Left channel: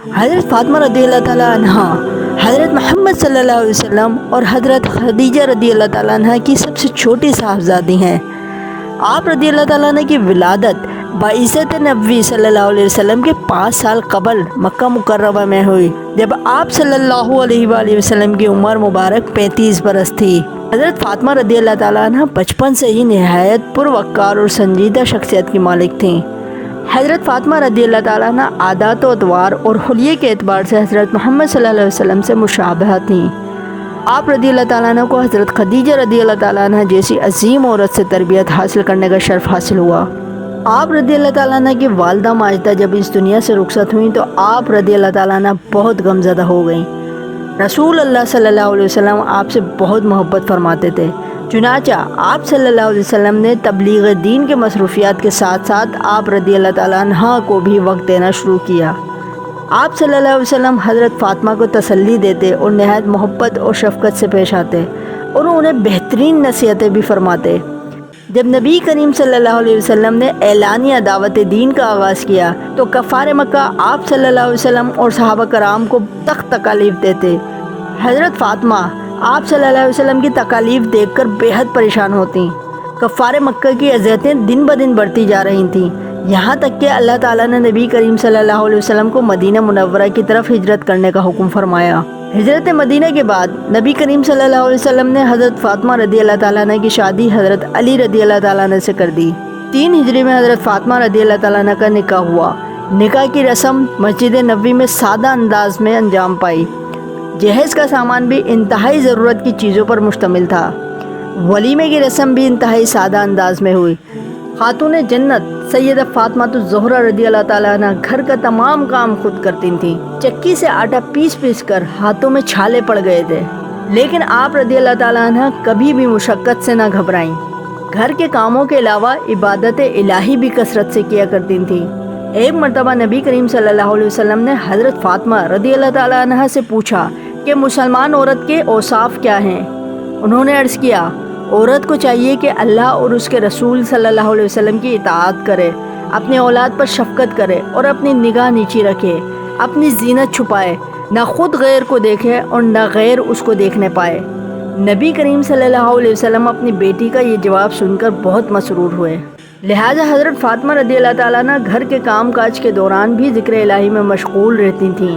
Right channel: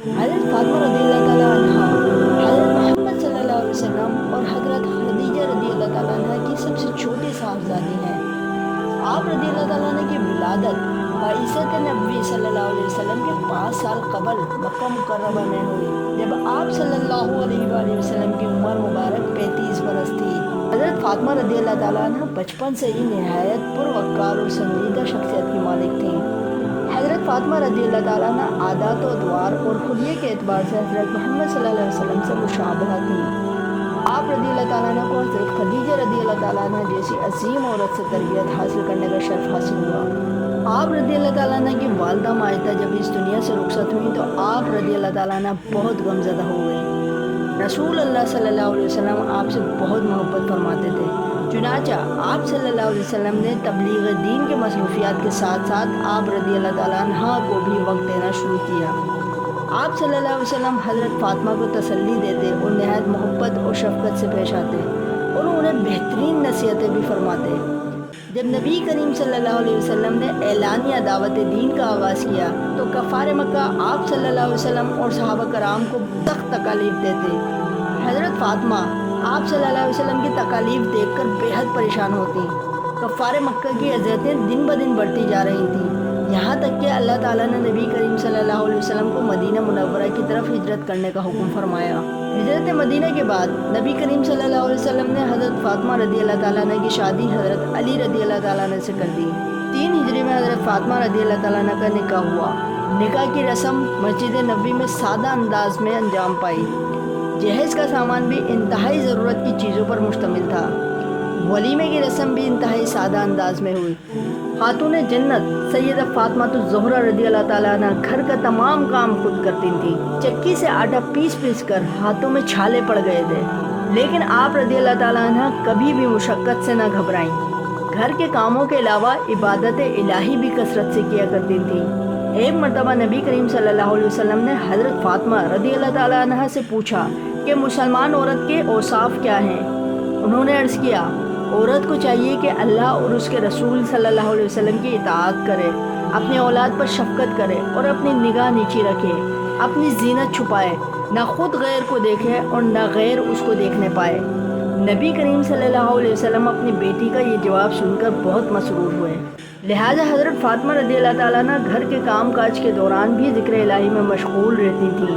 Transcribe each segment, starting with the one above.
حضرت فاطمہ رضی اللہ تعالیٰ عنہ حضرت محمد صلی اللہ علیہ وسلم اور حضرت خدیجہ رضی اللہ تعالیٰ عنہ کی سب سے چھوٹی صاحبزادی ہیں۔ آپ رضی اللہ تعالیٰ عنہ کی ولادت بعثت نبوی صلی اللہ علیہ وسلم کے 5 سال قبل مکہ مکرمہ میں ہوئی، جب آپ صلی اللہ علیہ وآلہ وسلم کی عمر مبارک 35 برس تھی۔ حضرت فاطمہ رضی اللہ تعالیٰ عنہ بچپن سے ہی نہایت پروقار اور سنجیدہ شخصیت کی مالک تھیں۔ حضرت فاطمہ رضی اللہ تعالیٰ عنہ عادات و اطوار اور حلیے کے اعتبار سے حضرت محمد صلی اللہ علیہ وسلم سے مشابہہ تھیں۔ آپ رضی اللہ تعالیٰ عنہ کو حضرت خدیجہ رضی اللہ تعالیٰ عنہ جیسی عظیم عورت سے تربیت حاصل کرنے کا شرف حاصل ہوا۔ آپ رضی اللہ تعالیٰ عنہ کی والدہ ماجدہ جب اس دنیا سے رخصت ہوئیں تو آپ رضی اللہ تعالیٰ عنہ بہت غمزدہ ہو گئیں۔ رسول اللہ صلی اللہ علیہ وسلم آپ سے بہت محبت فرماتے تھے، چنانچہ آپ صلی اللہ علیہ وسلم نے تبلیغ دین کے مصروفیات کے ساتھ ساتھ آپ رضی اللہ تعالیٰ عنہ کو بھی وقت دینا شروع کیا۔ آپ صلی اللہ علیہ وسلم حضرت فاطمہ کو تسلی دیتے اور نہایت محبت اور شفقت سے پیش آتے اور انہیں بہترین نصیحتیں بھی فرماتے۔ جب نبی کریم صلی اللہ علیہ وسلم نے اعلانیہ دعوت دین کا آغاز کیا تو کفار مکہ آپ صلی اللہ علیہ وسلم اور صحابہ کرام کو سخت تکالیف دیتے۔ حضرت فاطمہ آپ صلی اللہ علیہ وسلم کی تکالیف دیکھ کر بے حد پریشان ہوتیں۔ کفار مکہ کی اذیتیں دن بدن بڑھتی جا رہی تھیں، یہاں تک کہ اللہ تعالیٰ نے نبی کریم صلی اللہ علیہ وسلم کو مدینہ منورہ کی طرف ہجرت کرنے کا حکم فرمایا۔ ہجرت مدینہ کے بعد نبی کریم صلی اللہ علیہ وسلم نے حضرت فاطمہ رضی اللہ تعالیٰ عنہ کی شادی حضرت علی رضی اللہ تعالیٰ عنہ سے کر دی۔ 3 ہجری میں حضرت فاطمہ رضی اللہ تعالیٰ عنہ کا نکاح ہوا۔ نکاح کی رسم مسجد نبوی میں سادہ انداز میں انجام پائی۔ جہیز کا سامان بھی انتہائی ضرورت کی چیزوں پر مشتمل تھا۔ ولیمے کی رسم بھی انتہائی سادہ انداز میں ہوئی۔ خاتون جنت سیدہ فاطمہ الزہرا رضی اللہ تعالیٰ عنہ گھر کا تمام کام خود کرتی تھیں۔ چکی سے آٹا پیس کر ہاتھوں میں چھالے پڑ گئے تھے، لیکن آپ رضی اللہ تعالیٰ عنہ کبھی بھی مشقت سے نہ گھبرائیں۔ گھر کے کاموں کے علاوہ عبادت الہی بھی کثرت سے کیا کرتی تھیں۔ ایک مرتبہ نبی کریم صلی اللہ علیہ وسلم نے حضرت فاطمہ رضی اللہ تعالیٰ عنہ سے پوچھا کہ مسلمان عورت کے اوصاف کیا ہیں؟ انہوں نے عرض کیا، عورت کو چاہیے کہ اللہ اور اس کے رسول صلی اللہ علیہ وسلم کی اطاعت کرے، اپنے اولاد پر شفقت کرے اور اپنی نگاہ نیچی رکھے، اپنی زینت چھپائے، نہ خود غیر کو دیکھے اور نہ غیر اس کو دیکھنے پائے۔ نبی کریم صلی اللہ علیہ وسلم اپنی بیٹی کا یہ جواب سن کر بہت مسرور ہوئے، لہٰذا حضرت فاطمہ رضی اللہ تعالیٰ عنہ گھر کے کام کاج کے دوران بھی ذکر الہی میں مشغول رہتی تھیں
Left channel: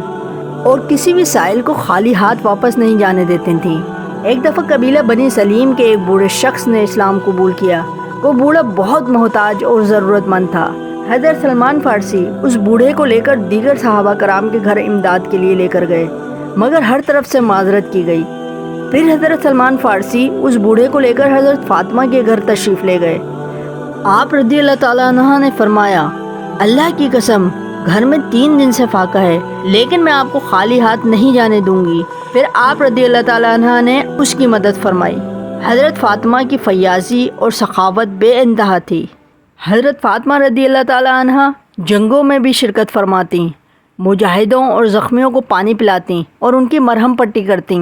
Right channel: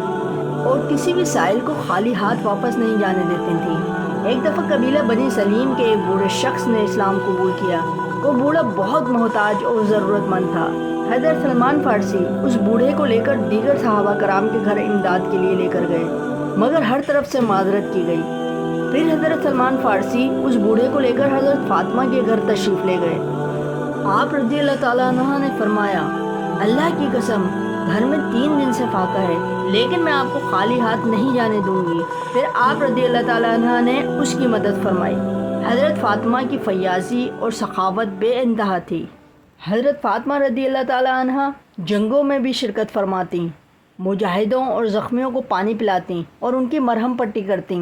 اور کسی بھی سائل کو خالی ہاتھ واپس نہیں جانے دیتی تھیں۔ ایک دفعہ قبیلہ بنی سلیم کے ایک بوڑھے شخص نے اسلام قبول کیا۔ وہ بوڑھا بہت محتاج اور ضرورت مند تھا۔ حضرت سلمان فارسی اس بوڑھے کو لے کر دیگر صحابہ کرام کے گھر امداد کے لیے لے کر گئے، مگر ہر طرف سے معذرت کی گئی۔ پھر حضرت سلمان فارسی اس بوڑھے کو لے کر حضرت فاطمہ کے گھر تشریف لے گئے۔ آپ رضی اللہ تعالیٰ عنہ نے فرمایا، اللہ کی قسم گھر میں 3 دن سے فاقہ ہے، لیکن میں آپ کو خالی ہاتھ نہیں جانے دوں گی۔ پھر آپ رضی اللہ تعالیٰ عنہ نے اس کی مدد فرمائی۔ حضرت فاطمہ کی فیاضی اور سخاوت بے انتہا تھی۔ حضرت فاطمہ رضی اللہ تعالیٰ عنہ جنگوں میں بھی شرکت فرماتیں، مجاہدوں اور زخمیوں کو پانی پلاتیں اور ان کی مرہم پٹی کرتیں۔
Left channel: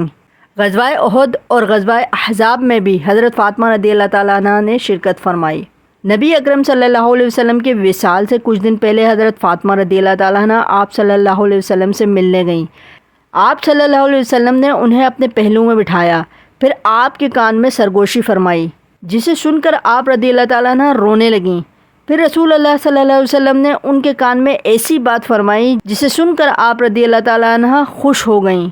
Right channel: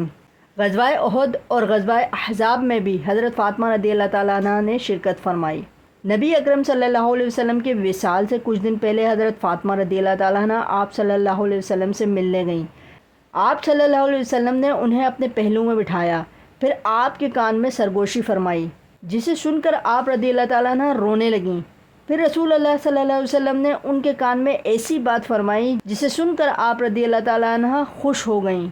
غزوہ احد اور غزوہ احزاب میں بھی حضرت فاطمہ رضی اللہ تعالیٰ عنہ نے شرکت فرمائی۔ نبی اکرم صلی اللہ علیہ وسلم کے وصال سے کچھ دن پہلے حضرت فاطمہ رضی اللہ تعالیٰ عنہ آپ صلی اللہ علیہ وسلم سے ملنے گئیں۔ آپ صلی اللہ علیہ وسلم نے انہیں اپنے پہلو میں بٹھایا، پھر آپ کے کان میں سرگوشی فرمائی، جسے سن کر آپ رضی اللہ تعالیٰ عنہ رونے لگیں۔ پھر رسول اللہ صلی اللہ علیہ وسلم نے ان کے کان میں ایسی بات فرمائی جسے سن کر آپ رضی اللہ تعالیٰ عنہ خوش ہو گئیں۔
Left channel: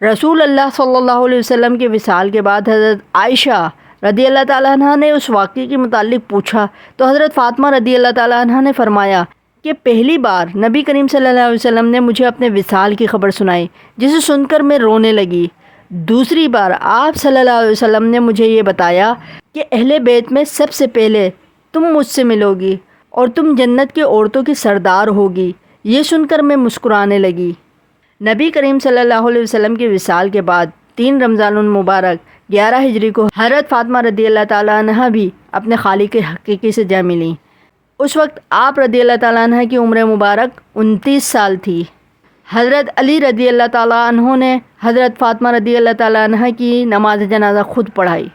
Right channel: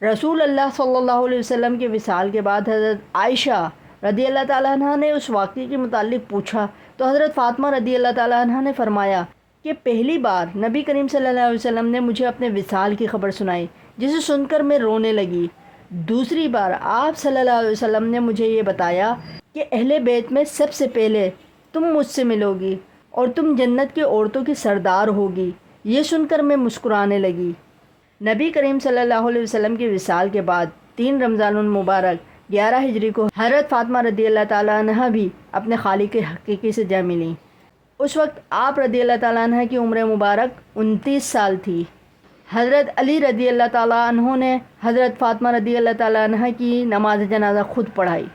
رسول اللہ صلی اللہ علیہ وسلم کے وصال کے بعد حضرت عائشہ رضی اللہ تعالیٰ عنہ نے اس واقعے کے متعلق پوچھا تو حضرت فاطمہ رضی اللہ تعالیٰ عنہ نے فرمایا کہ پہلی بار نبی کریم صلی اللہ علیہ وسلم نے مجھے اپنے وصال کی خبر سنائی، جسے سن کر میں رونے لگی۔ دوسری بار آپ صلی اللہ علیہ وسلم نے مجھے یہ بتایا کہ اہل بیت میں سب سے پہلے تم مجھ سے ملو گی اور تم جنت کی عورتوں کی سردار ہوگی۔ یہ سن کر میں مسکرانے لگی۔ نبی کریم صلی اللہ علیہ وسلم کے وصال کے بعد 3 رمضان المبارک 11 ہجری کو حضرت فاطمہ رضی اللہ تعالیٰ عنہ بھی اپنے خالق حقیقی سے جا ملیں۔ اس وقت آپ رضی اللہ تعالیٰ عنہ کی عمر مبارک 29 سال تھی۔ حضرت علی رضی اللہ تعالیٰ عنہ نے حضرت فاطمہ رضی اللہ تعالیٰ عنہ کی نماز جنازہ خود پڑھائی۔